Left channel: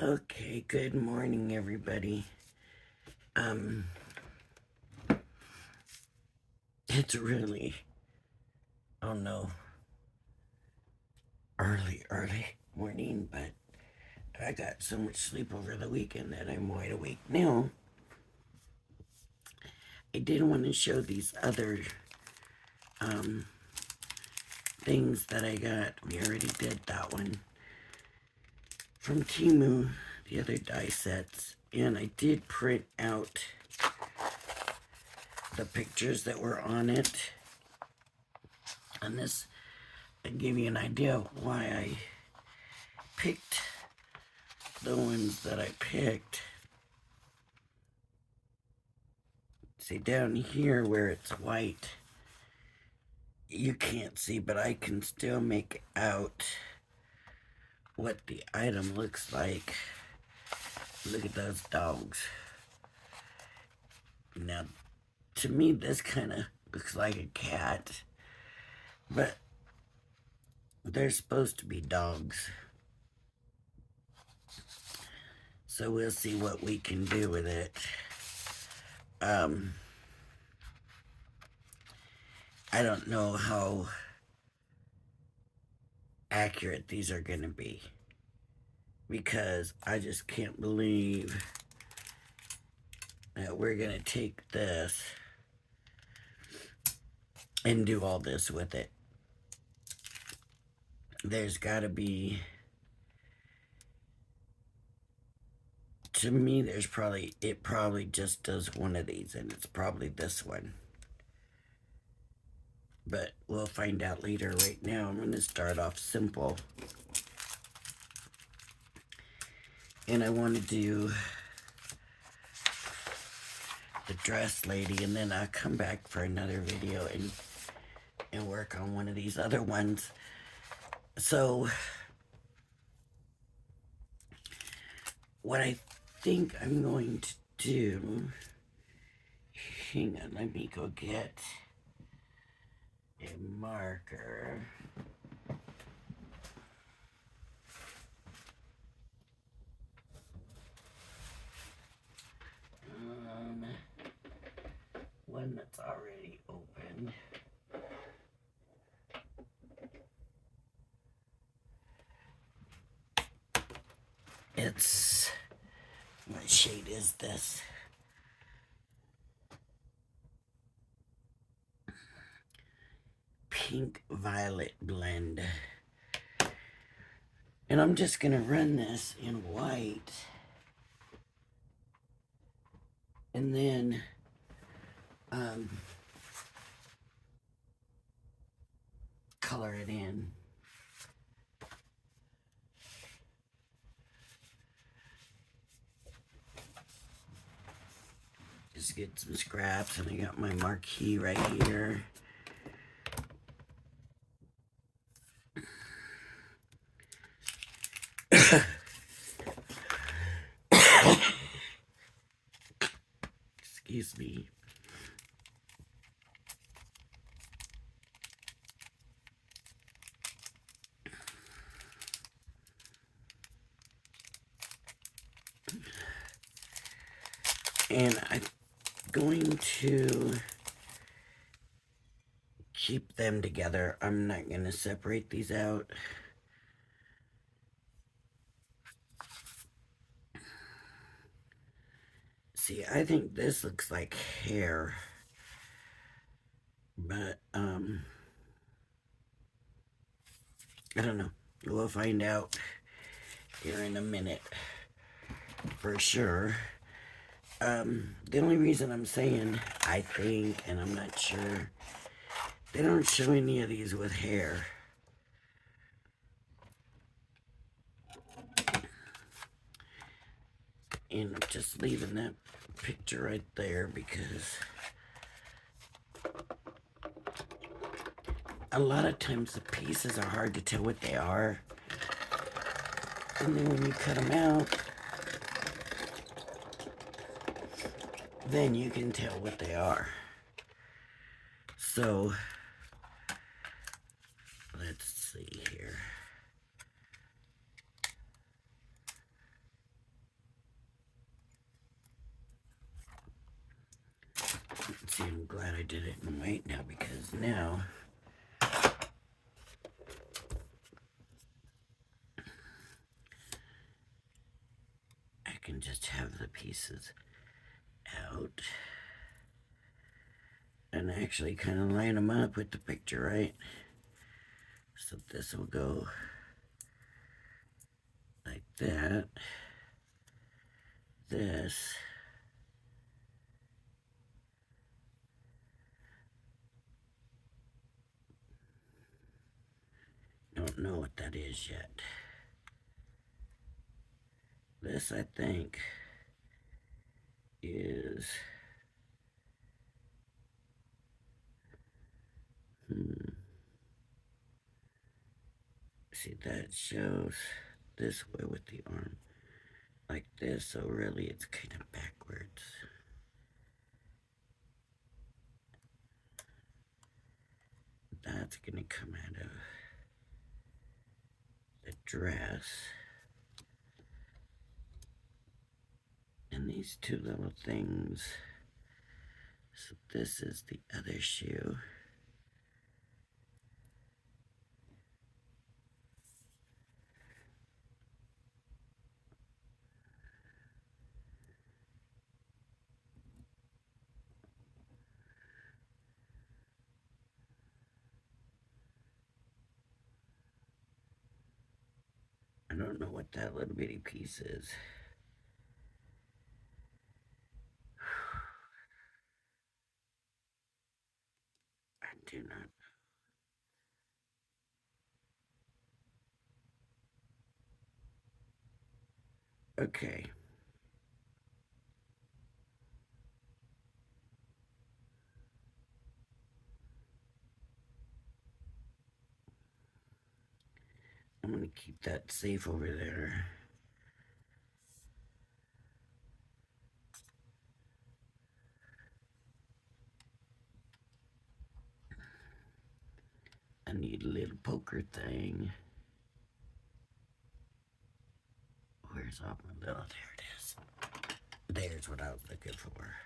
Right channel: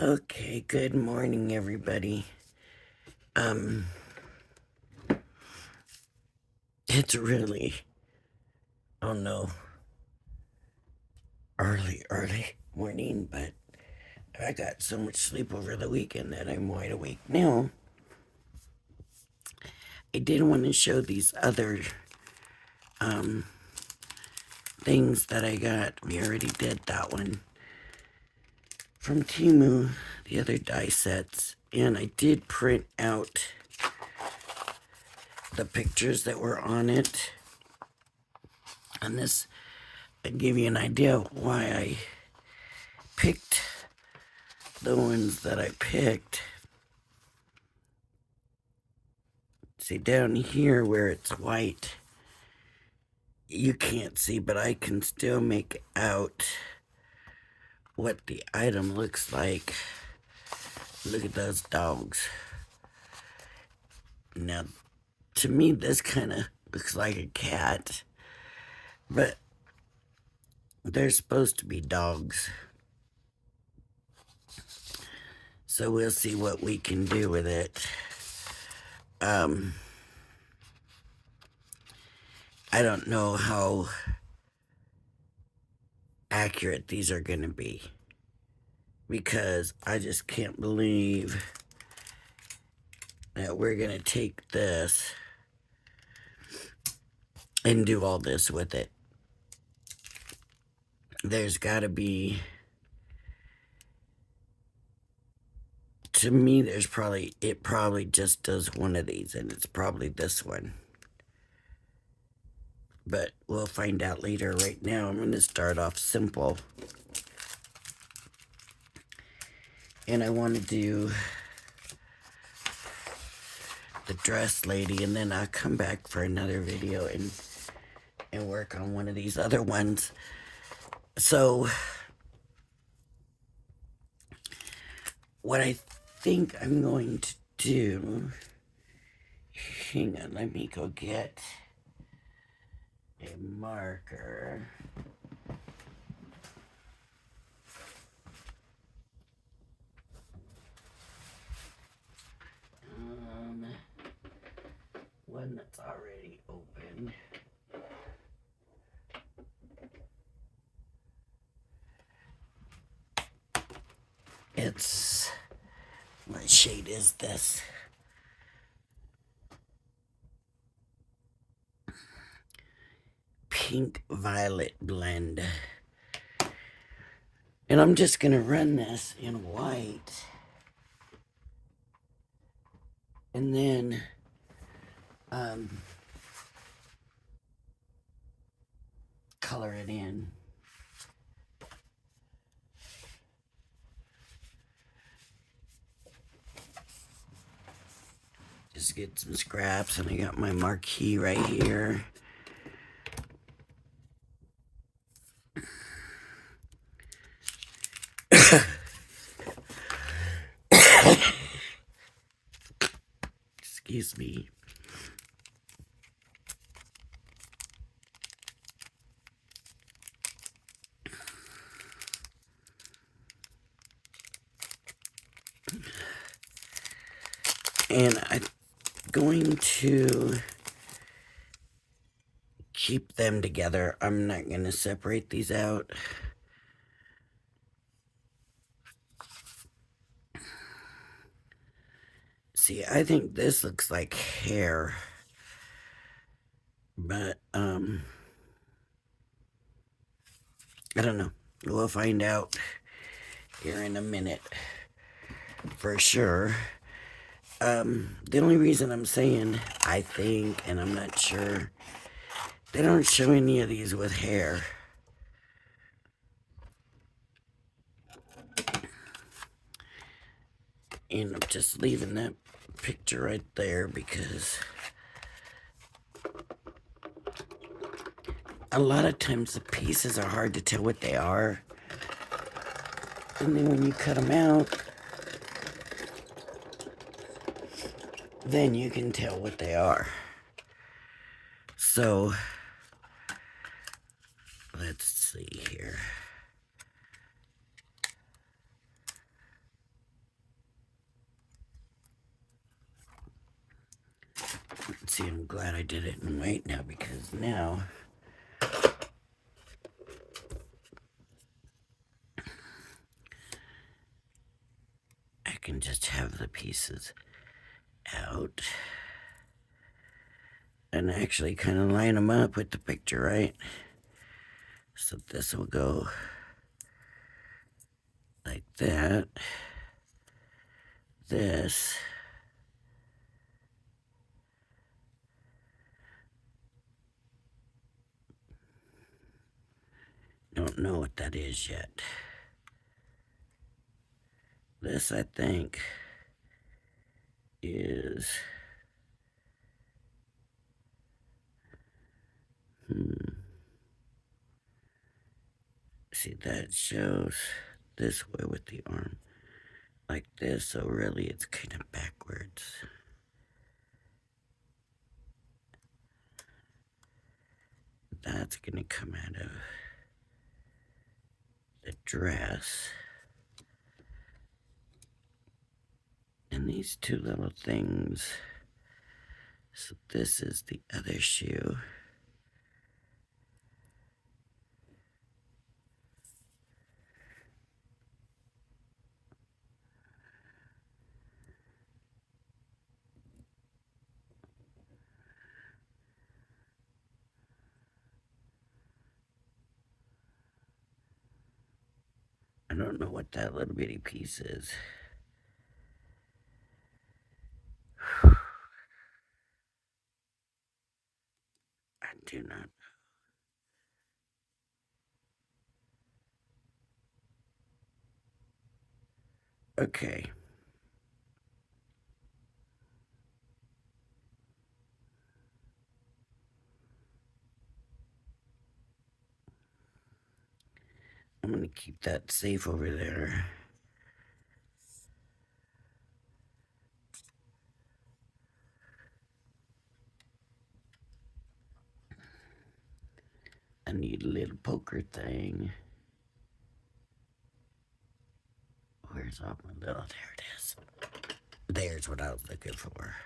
Okay, good morning, everybody. Um, it's really, oh no, early morning, but I got so much sleep over the weekend that I'm wide awake now. I did want to show these other, um, things that I got. We already did that one from Temu, the other die sets, and I did print out the pictures that were on it. And this, I give you an idea of why I picked the ones that I picked. See, down here where it's white, you can't see, but I can still make out what the item looks like. Look at those dogs. Now, to me, this kind of looks like a cat, but they're supposed to be dogs. So we'll see what we can do with it. I don't know how accurate these are going to be, because I just can't believe that we're going to take this and do all this with it. There's got to be, to me, it probably just does one of these, and it's probably this one. But we'll find out later. Right now, I'm going to start off simple. And I want to do the dress lady, and then I'll come back for another video and work on one of these other ones. So, what I think I'm going to do, hang on, let me go get a marker. One that's already open. It's, what shade is this? Pink violet blend. And I'm just going to run this in white. And then color it in. Just get some scraps, and I got my marquee right here. Excuse me. And I'm going to keep them together. I'm not going to separate these out. See, I think this looks like hair. But, I don't know. We'll find out here in a minute for sure. The only reason I'm saying I think, and I'm not sure, they don't show any of these with hair. And I'm just leaving that picture right there because a lot of times the pieces are hard to tell what they are. And then when you cut them out, then you can tell what they are. So, let's see here. See, I'm glad I did it in white now, because now I can just have the pieces out and actually kind of line them up with the picture, right? So this will go like that. This. Don't know what that is yet. This, I think, is... See, that shows this way with the arm. Like this, so really it's kind of backwards. That's gonna come out of the dress. And these two little things. So this is the other shoe. I don't know what that little bitty piece is. I do not. Okay. I'm gonna keep that safe over there. I need a little poker thing. Where's all my little? There it is. There's what I was looking for.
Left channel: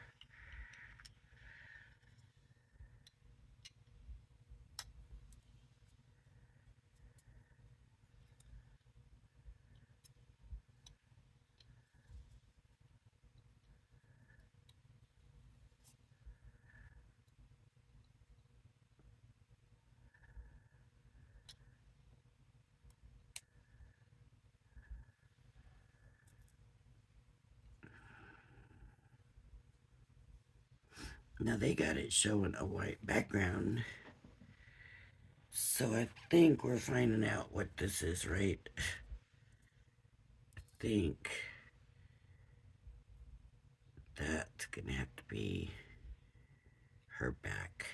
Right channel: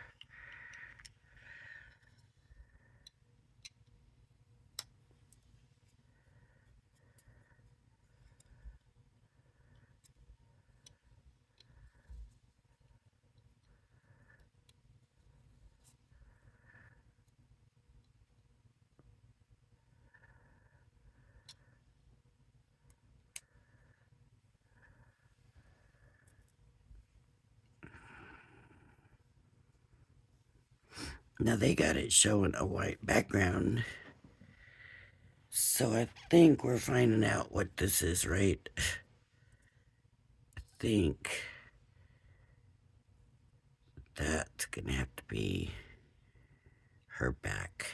Now they got it showing a white background. So I think we're finding out what this is, right? I think that's gonna have to be her back.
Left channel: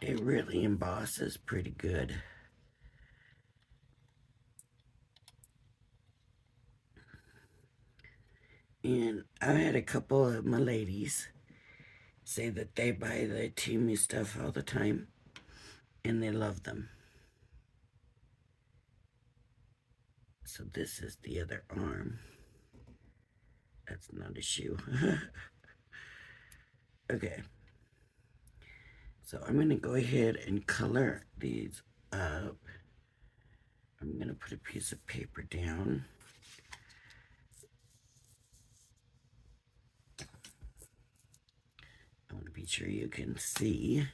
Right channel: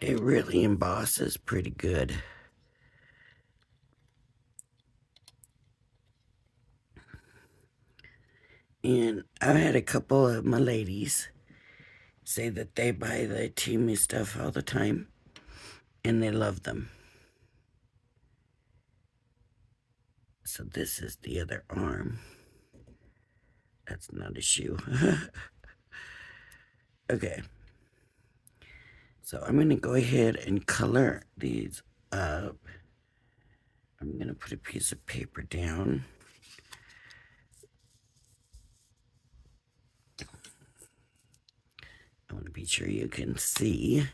It really embosses pretty good. And I've had a couple of my ladies say that they buy the Temu stuff all the time and they love them. So this is the other arm. That's not a shoe. Okay. So I'm going to go ahead and color these up. I'm going to put a piece of paper down. I want to be sure you can see.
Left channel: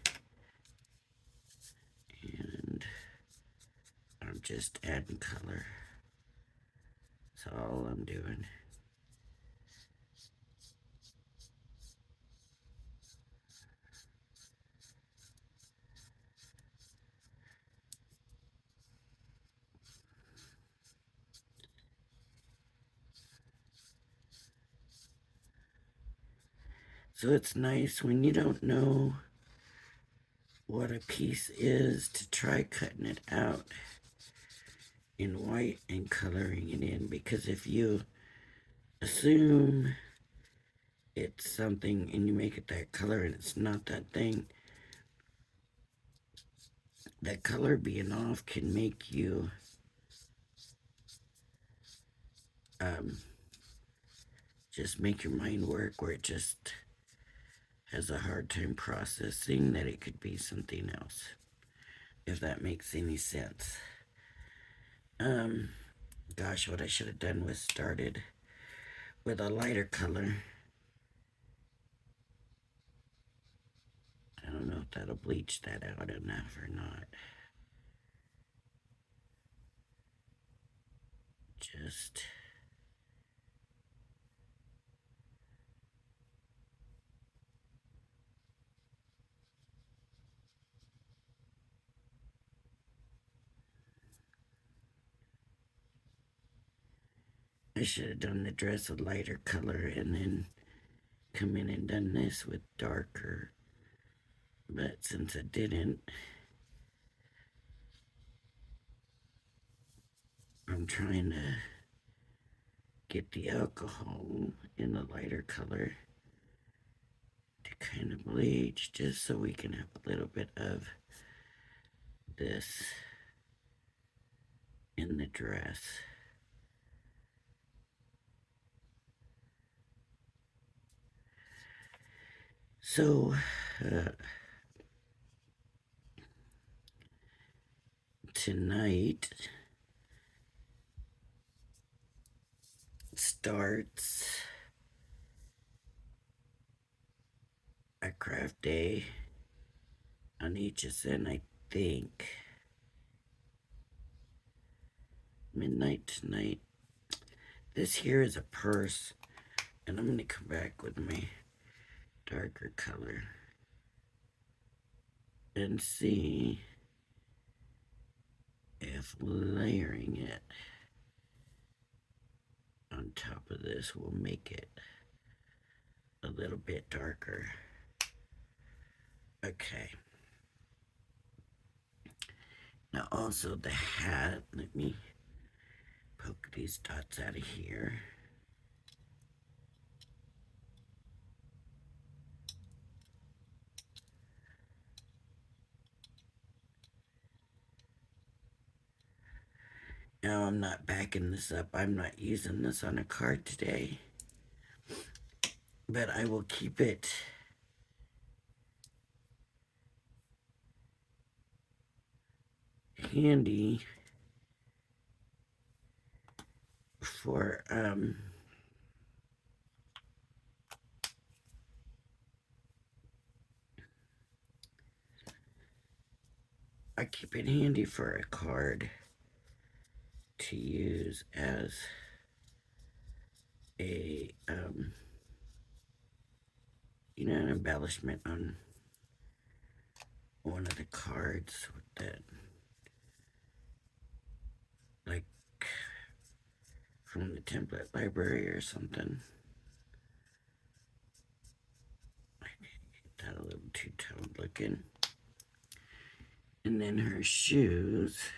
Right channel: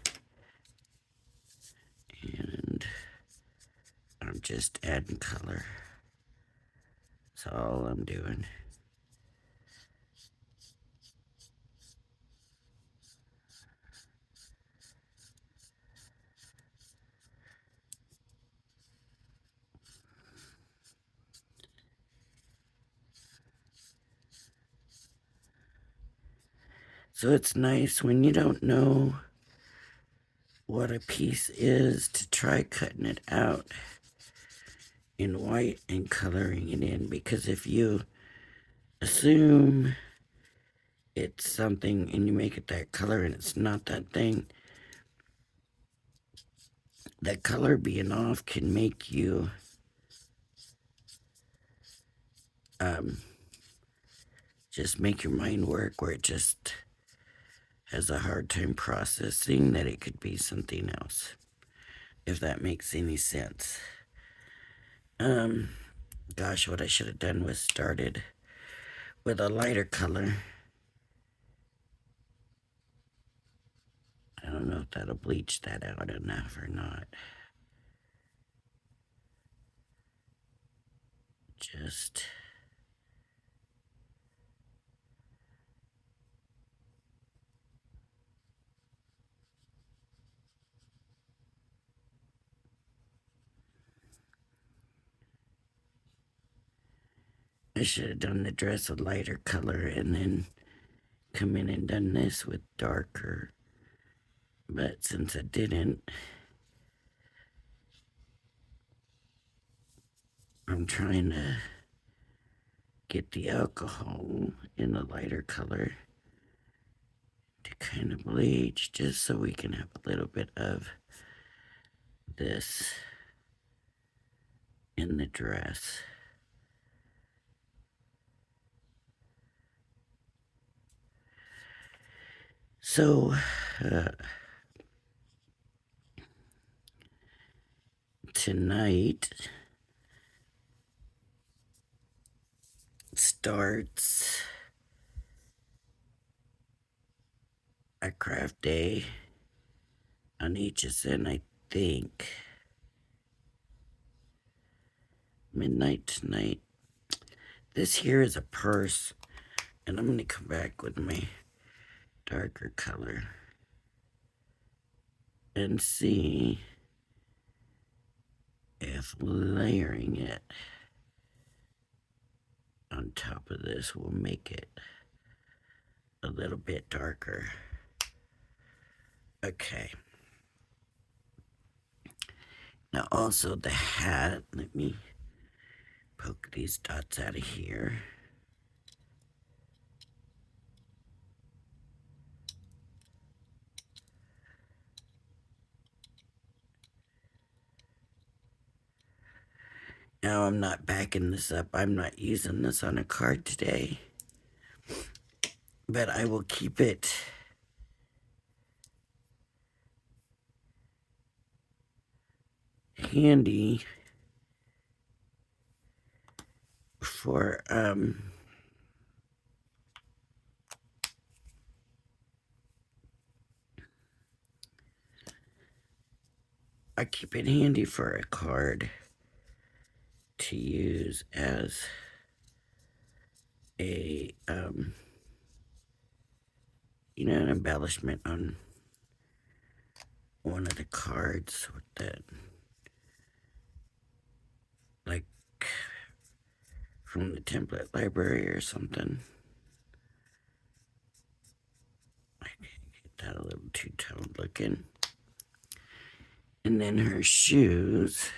And I'm just adding color. That's all I'm doing. So it's nice when you don't know what a piece is to try cutting it out in white and coloring it in, because if you assume it's something and you make it that color and it's not that thing, that color being off can make you just make your mind work where it just has a hard time processing that it could be something else, if that makes any sense. Gosh, what I should have done was started with a lighter color. I don't know if that'll bleach that out enough or not. Just I should have done the dress a lighter color and then come in and done this with darker. But since I didn't, I'm trying to get the alcohol in a lighter color to kind of bleach, just so we can have a little bit of this in the dress. So, tonight starts a craft day on HSN, I think. Midnight tonight. This here is a purse, and I'm going to come back with my darker color and see if layering it on top of this will make it a little bit darker. Okay. Now also the hat, let me poke these dots out of here. Now I'm not backing this up. I'm not using this on a card today. But I will keep it handy for I keep it handy for a card to use as a an embellishment on one of the cards with that, like from the template library or something. I get that a little two-toned looking. And then her shoes.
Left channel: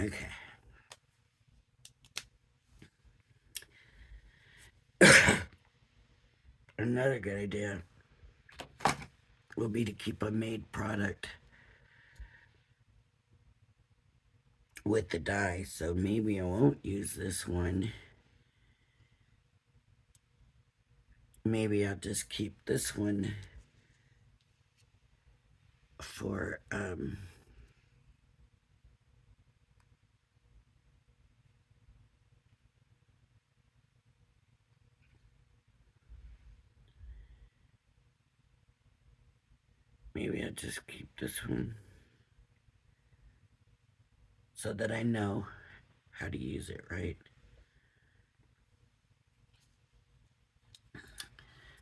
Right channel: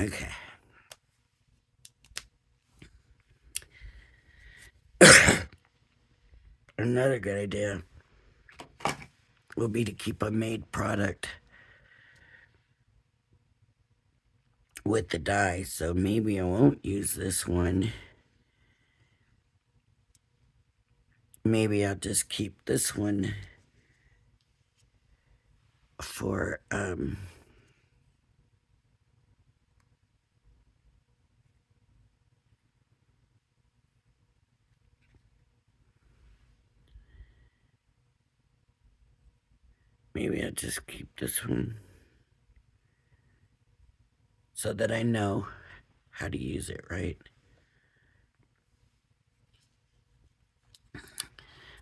Okay. Another good idea will be to keep a made product with the die. So maybe I won't use this one. Maybe I'll just keep this one for maybe I'll just keep this one so that I know how to use it right.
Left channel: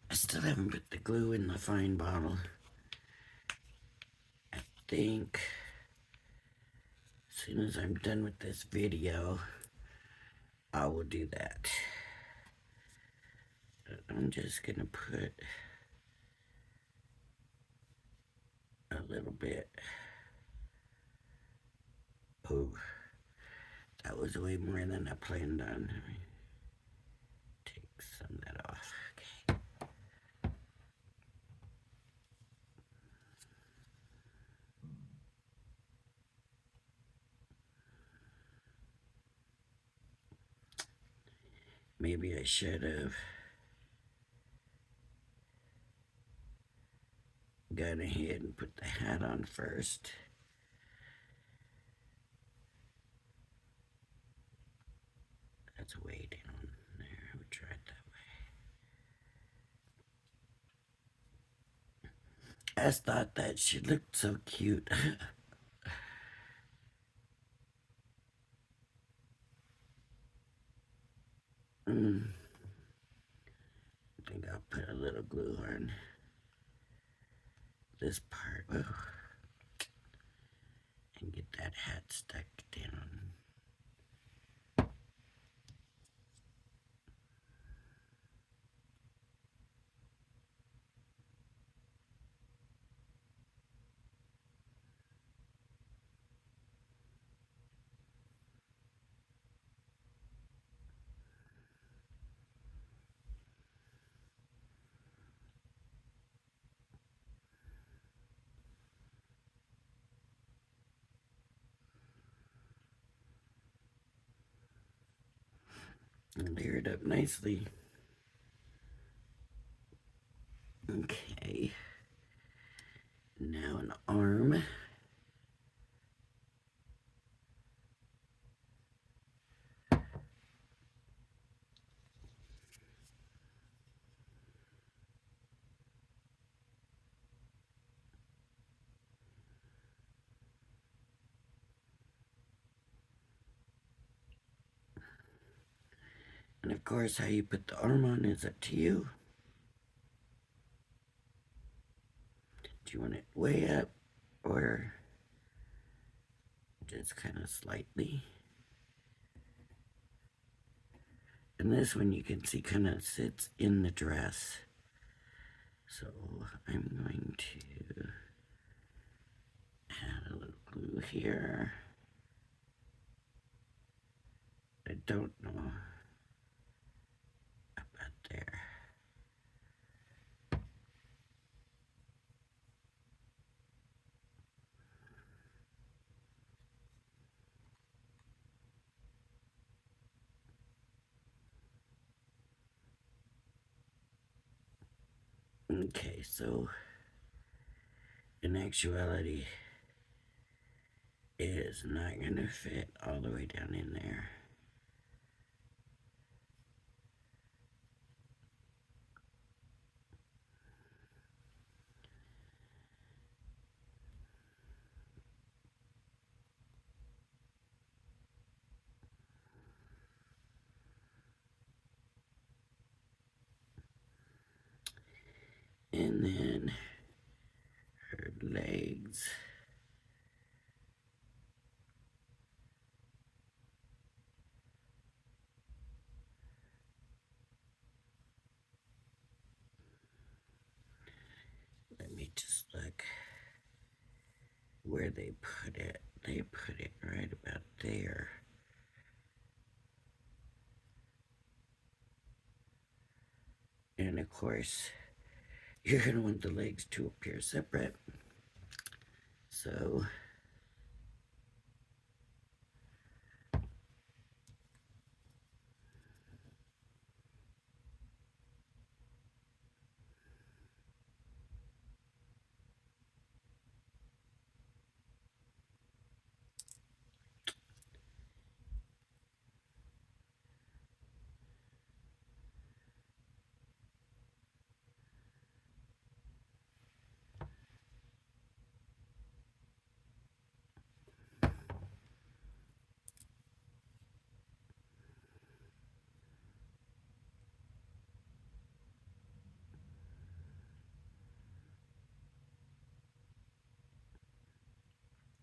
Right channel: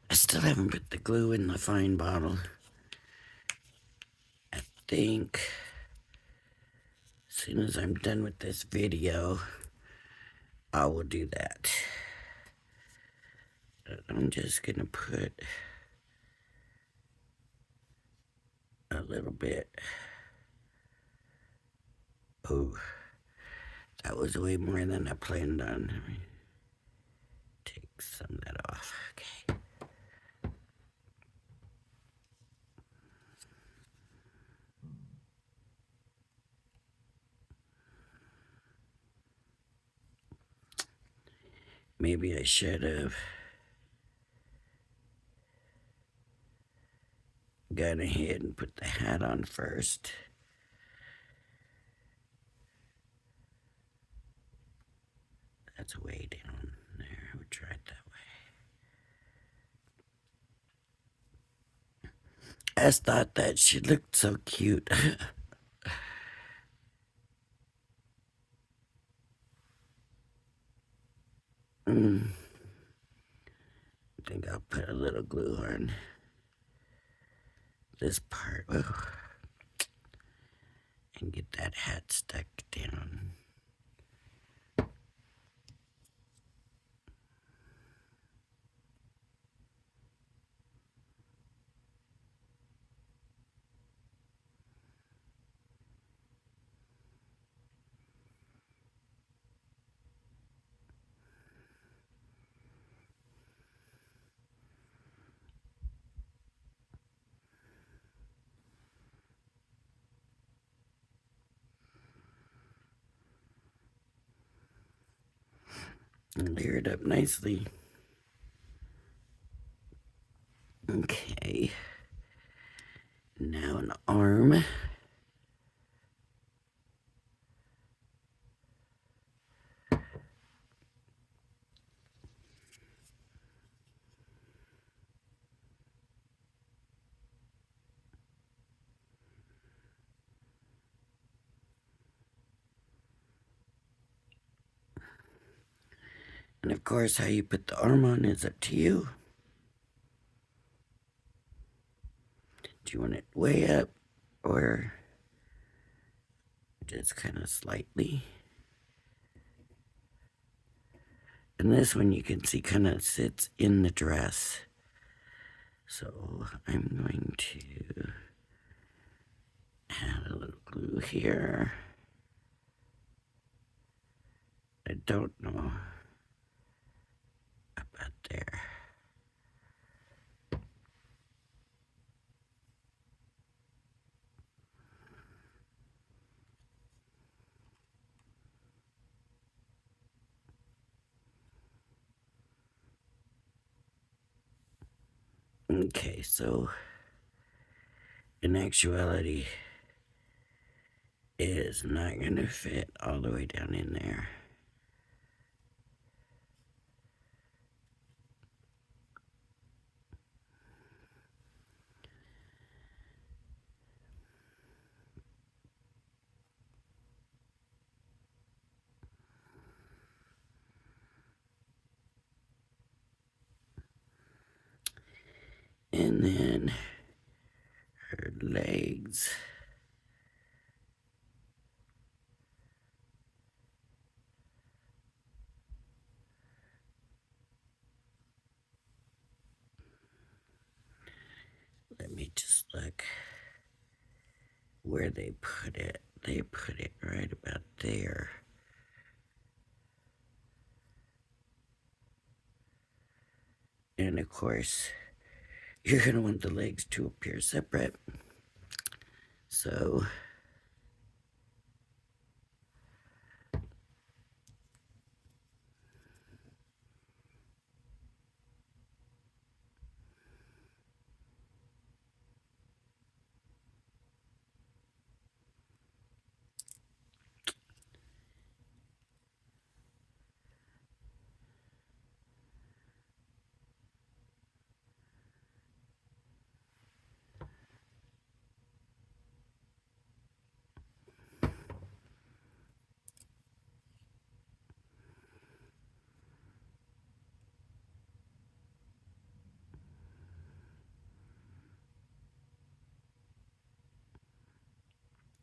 I still haven't put the glue in the fine bottle. I think as soon as I'm done with this video, I will do that. I'm just gonna put a little bit. Oh, that was way more than I planned on. Let me take some of that off. Okay. Maybe I should have gone ahead and put the hat on first. That's way down there. We tried that way. I just thought that she looked so cute. I think I'll put a little glue on this part. Oh, and get that hat stuck down. And layer it up nicely. Okay. Now an arm. And of course, how you put the arm on is up to you. Do you want it way up or just kind of slightly? And this one you can see kind of sits in the dress. So I'm going to add a little glue here. I don't know about there. Okay, so in actuality, it is not going to fit all the way down in there. And then her legs. Let me just look where they put it. They put it right about there. And of course, you're going to want the legs to appear separate. So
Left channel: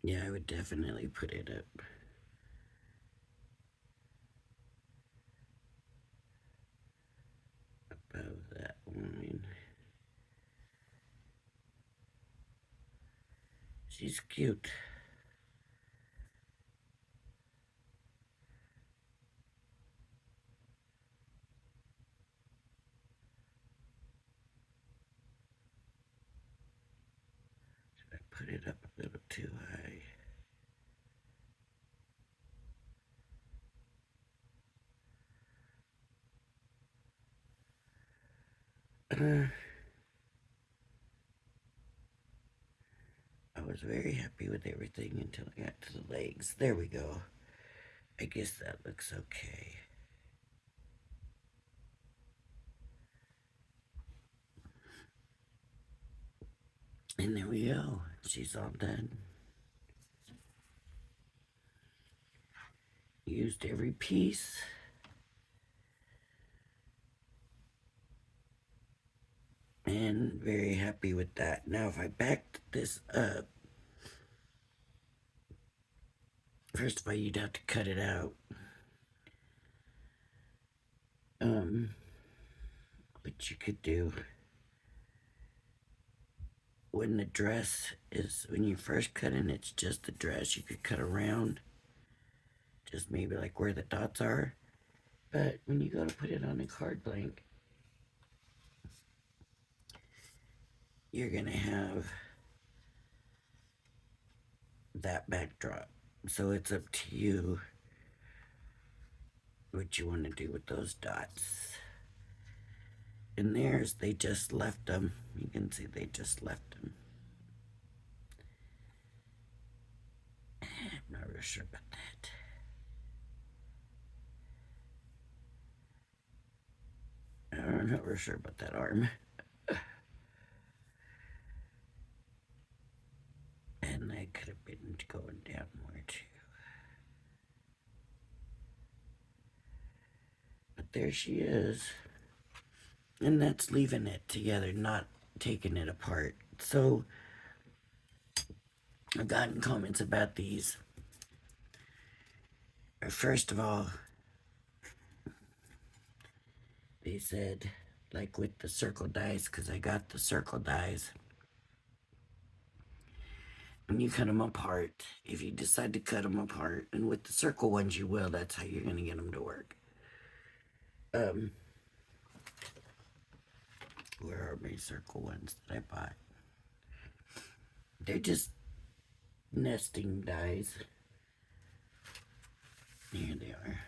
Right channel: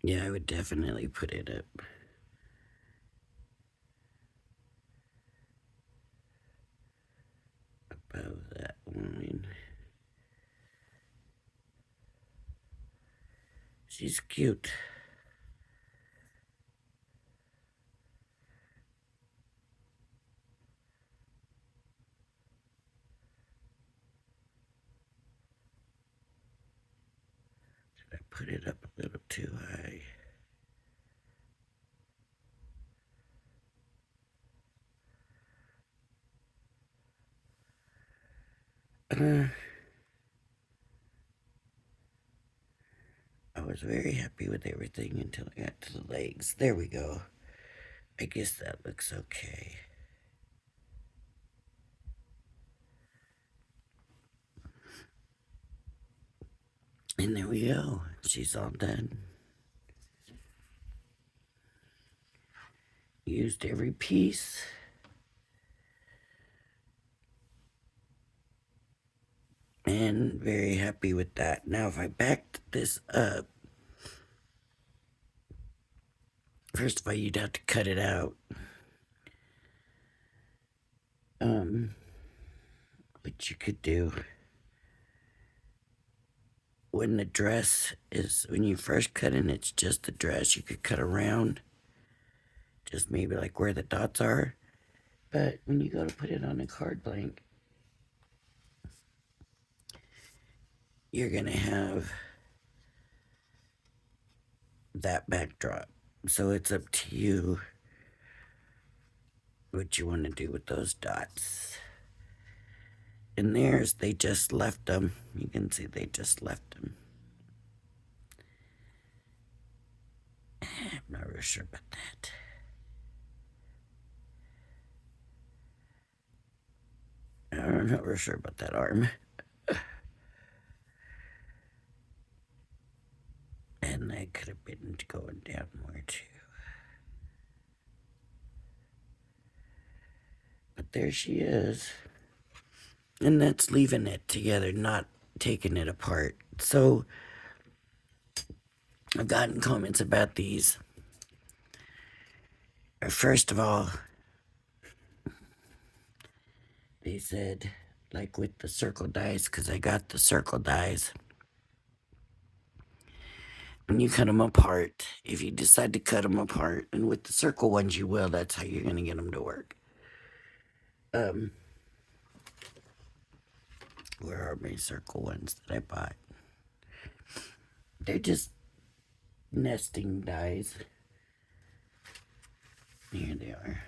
Yeah, I would definitely put it up above that line. She's cute. Did I put it up a little too high? I was very happy with everything until I got to the legs. There we go. I guess that looks okay. And there we go. She's all done. Used every piece. And very happy with that. Now, if I backed this up, first of all, you'd have to cut it out. What you could do when the dress is, when you first cut in, it's just the dress. You could cut around, just maybe like where the dots are. But when you go to put it on a card blank, you're gonna have that backdrop. So it's up to you what you want to do with those dots. In theirs, they just left them. You can see they just left them. I'm not real sure about that. I'm not real sure about that arm. And that could have been going down more too. But there she is. And that's leaving it together, not taking it apart. So I've gotten comments about these. First of all, they said, like with the circle dies, because I got the circle dies. When you cut them apart, if you decide to cut them apart, and with the circle ones you will, that's how you're going to get them to work. Where are my circle ones that I bought? They're just nesting dies. Here they are.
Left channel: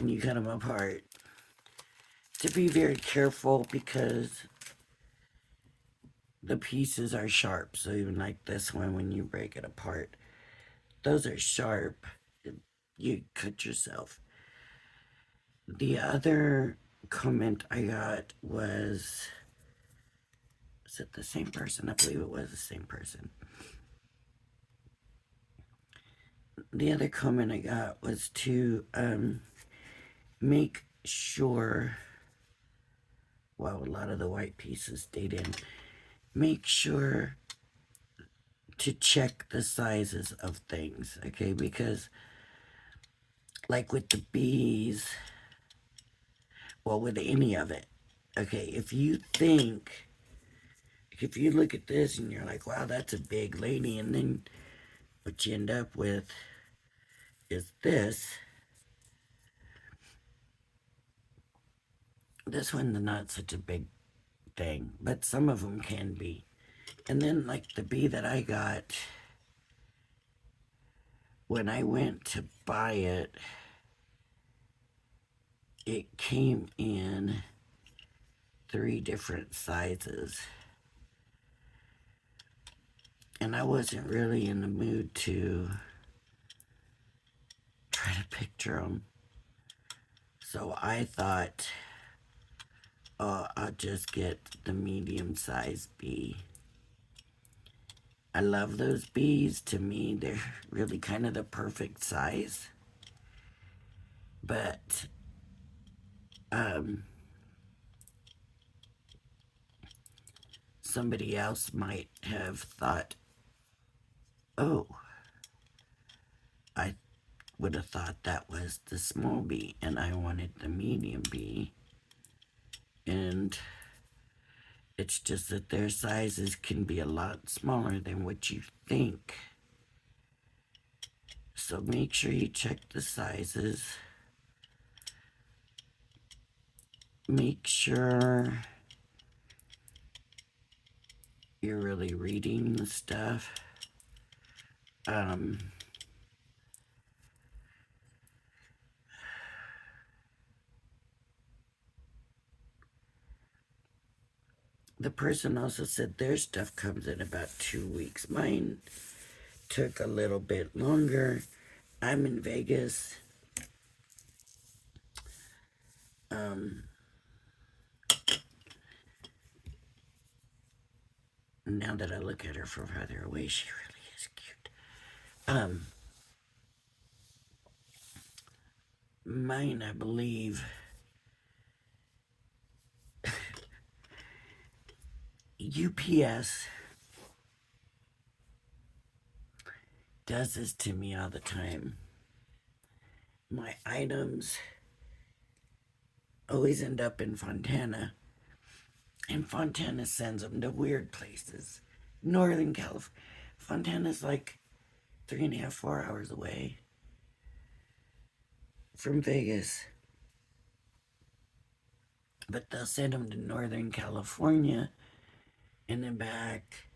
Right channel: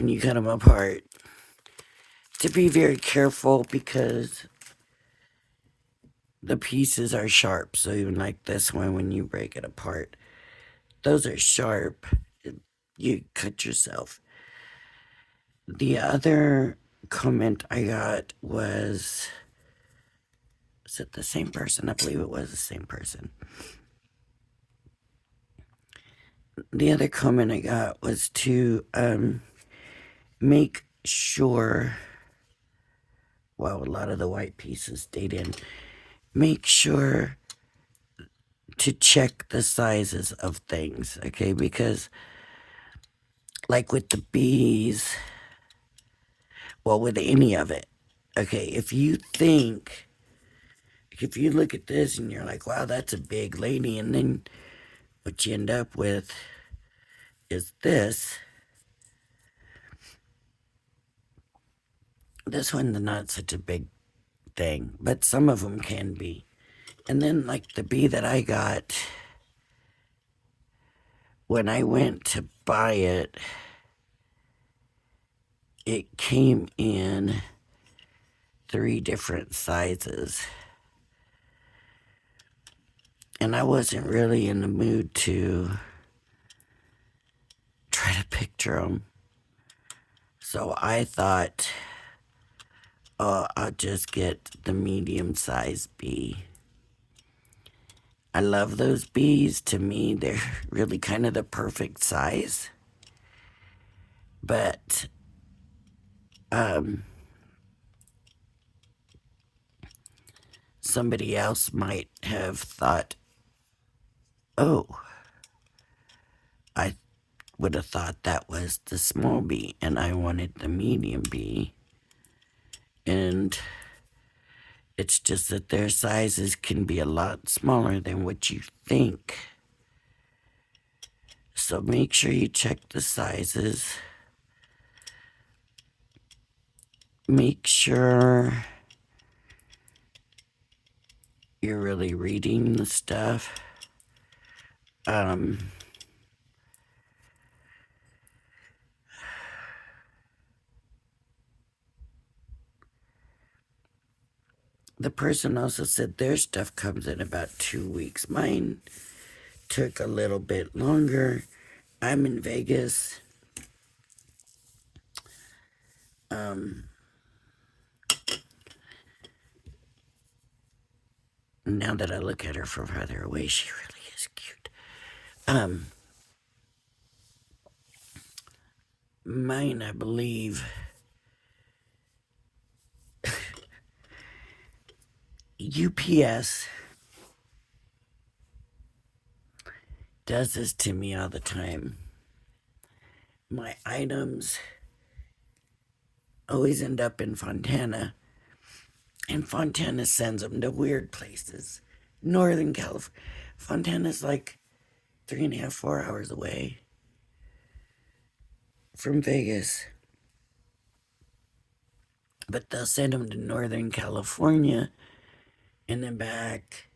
And you cut them apart, to be very careful because the pieces are sharp. So even like this one, when you break it apart, those are sharp. You cut yourself. The other comment I got was it the same person? I believe it was the same person. The other comment I got was to make sure, well, a lot of the white pieces stayed in, make sure to check the sizes of things, okay? Because like with the bees, well, with any of it, okay, if you look at this and you're like, wow, that's a big lady, and then what you end up with is this one's not such a big thing, but some of them can be. And then like the bee that I got, when I went to buy it, it came in 3 different sizes. And I wasn't really in the mood to try to picture them. So I thought, oh, I'll just get the medium size bee. I love those bees. To me, they're really kind of the perfect size. But somebody else might have thought, oh, I would have thought that was the small bee and I wanted the medium bee. And it's just that their sizes can be a lot smaller than what you think. So make sure you check the sizes. Make sure you're really reading the stuff. The person also said their stuff comes in about 2 weeks. Mine took a little bit longer. I'm in Vegas. Now that I look at her from farther away, she really is cute. Mine, I believe, UPS does this to me all the time. My items always end up in Fontana, and Fontana sends them to weird places. Northern California. Fontana's like 3.5, 4 hours away from Vegas. But they'll send them to Northern California and then back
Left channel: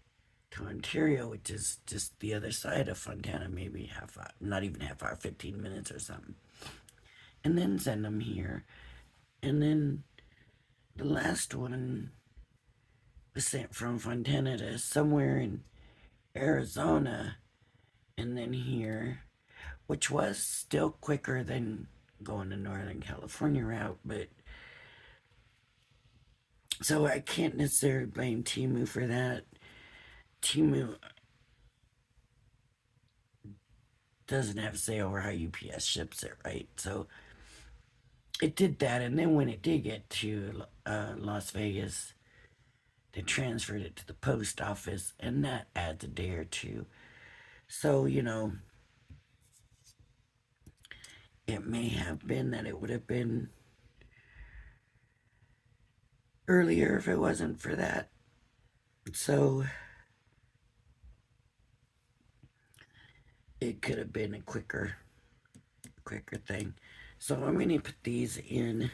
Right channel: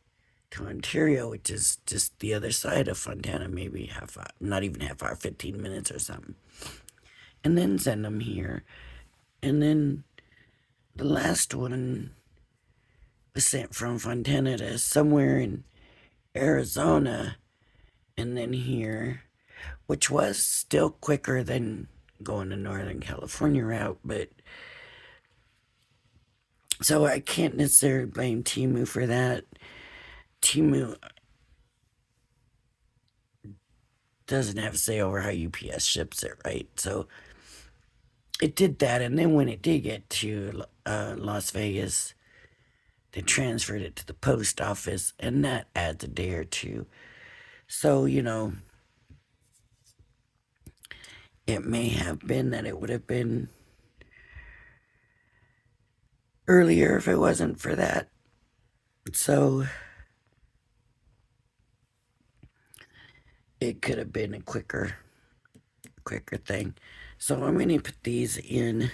to Ontario, which is just the other side of Fontana, maybe half hour, not even half hour, 15 minutes or something. And then send them here. And then the last one was sent from Fontana to somewhere in Arizona and then here, which was still quicker than going to Northern California route, but so I can't necessarily blame Temu for that. Temu doesn't have a say over how UPS ships it, right? So it did that, and then when it did get to Las Vegas, they transferred it to the post office, and that adds a day or two. So, it may have been that it would have been earlier if it wasn't for that. So it could have been a quicker thing. So I'm going to put these in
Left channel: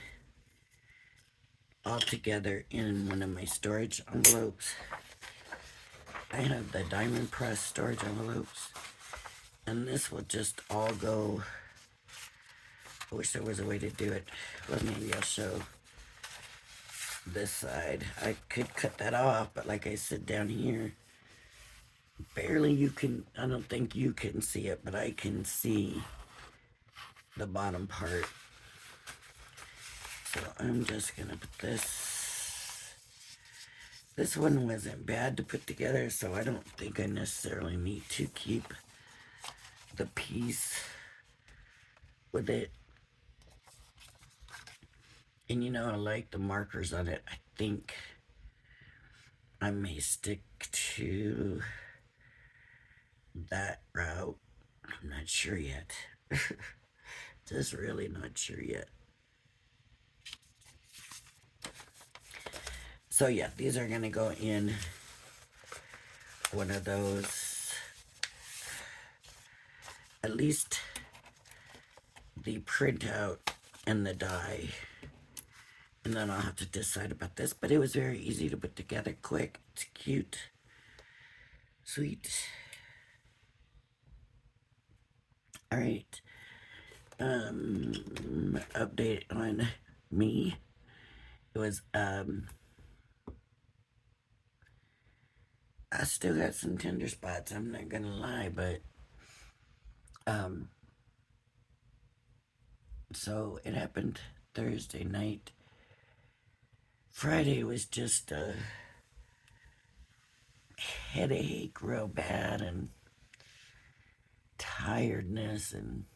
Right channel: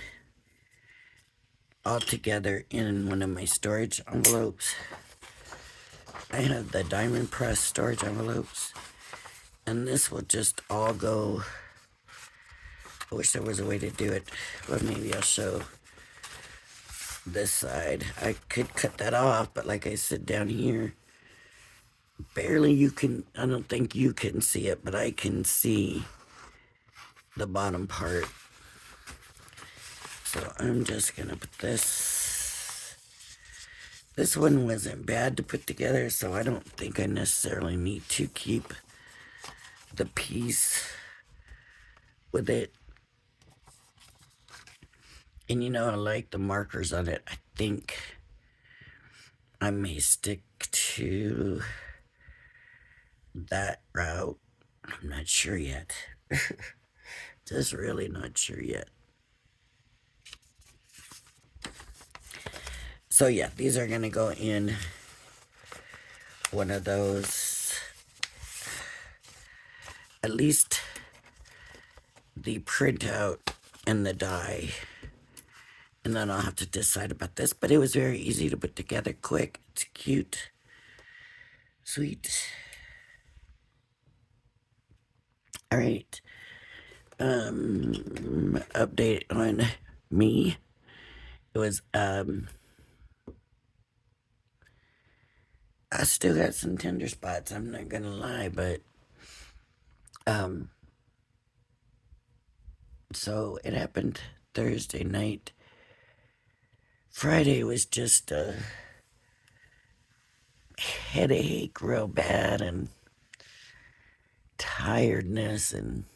all together in one of my storage envelopes. I have the diamond press storage envelopes, and this will just all go. I wish there was a way to do it, but maybe I'll show this side. I could cut that off, but like I said, down here, barely I don't think you can see it, but I can see the bottom part. So I'm just gonna put this. This one wasn't bad to put together, so I don't think I necessarily need to keep the piece with it. And I like the markers on it. I think I may stick to that route. I'm not sure yet. Just really not sure yet. So yeah, these are gonna go in one of those. At least the printout and the die. And then I'll have to decide about this. But it was very easy to put together, quick. It's cute. Sweet. All right. Update on me. It was, I still got some tender spots, I'm not gonna lie, but, so it happened Thursday night. Friday was just a headache real bad and tiredness and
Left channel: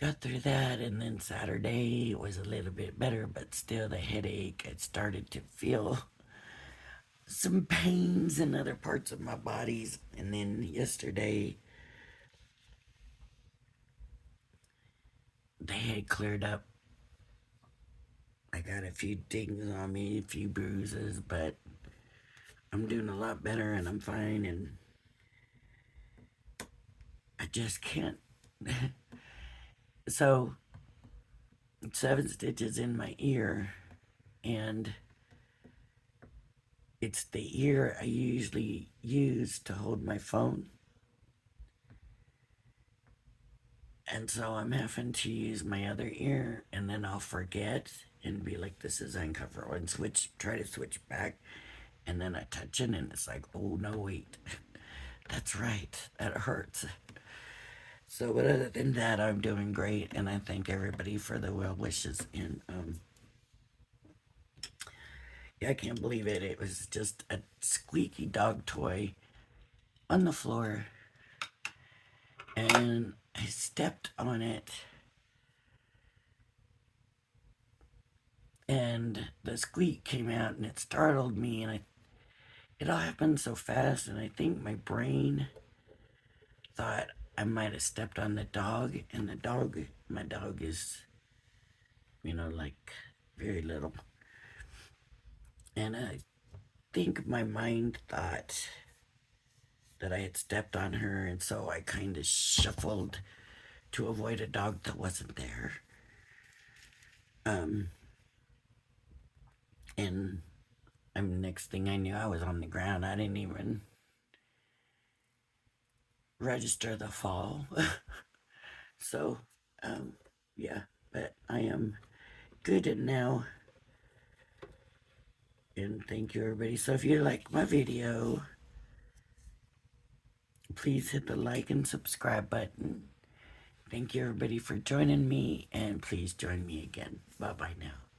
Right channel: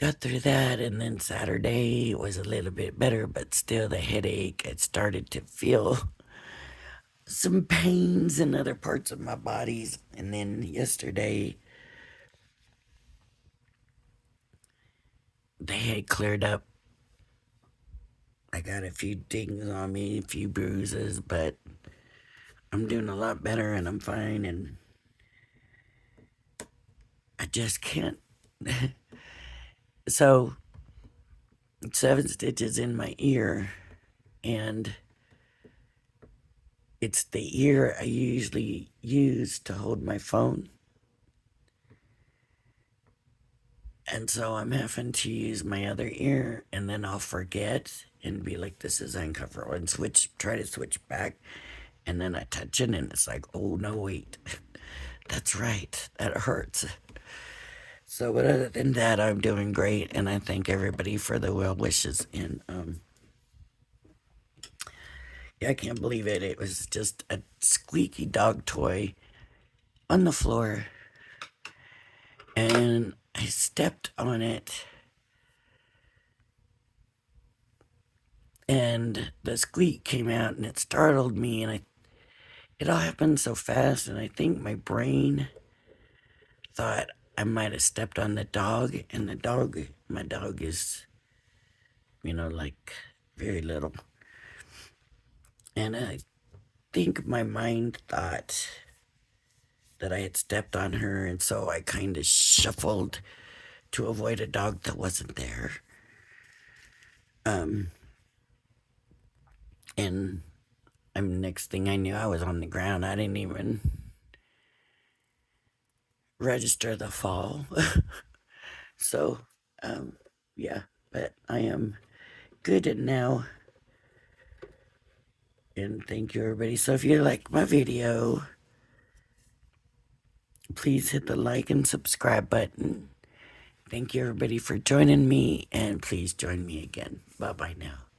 got through that, and then Saturday was a little bit better, but still the headache. I started to feel some pains in other parts of my bodies, and then yesterday they had cleared up. I got a few dings on me, a few bruises, but I'm doing a lot better and I'm fine, and I just can't. So, 7 stitches in my ear, and it's the ear I usually use to hold my phone. And so I'm having to use my other ear, and then I'll forget and be like, this is uncomfortable, and try to switch back. And then I touch it, and it's like, oh no, wait, that's right, that hurts. So, but other than that, I'm doing great, and I thank everybody for the well wishes. And yeah, I can't believe it. It was just a squeaky dog toy on the floor, and I stepped on it, and the squeak came out, and it startled me, and it all happened so fast, and I think my brain thought I might have stepped on the dog, and my dog is, like very little, and I think my mind thought that I had stepped on her, and so I kind of shuffled to avoid a dog that wasn't there. Um, and next thing I knew, I was on the ground. I didn't even register the fall. So, um, yeah, but I am good now. And thank you, everybody. So, if you like my video, please hit the like and subscribe button. Thank you, everybody, for joining me, and please join me again. Bye bye now.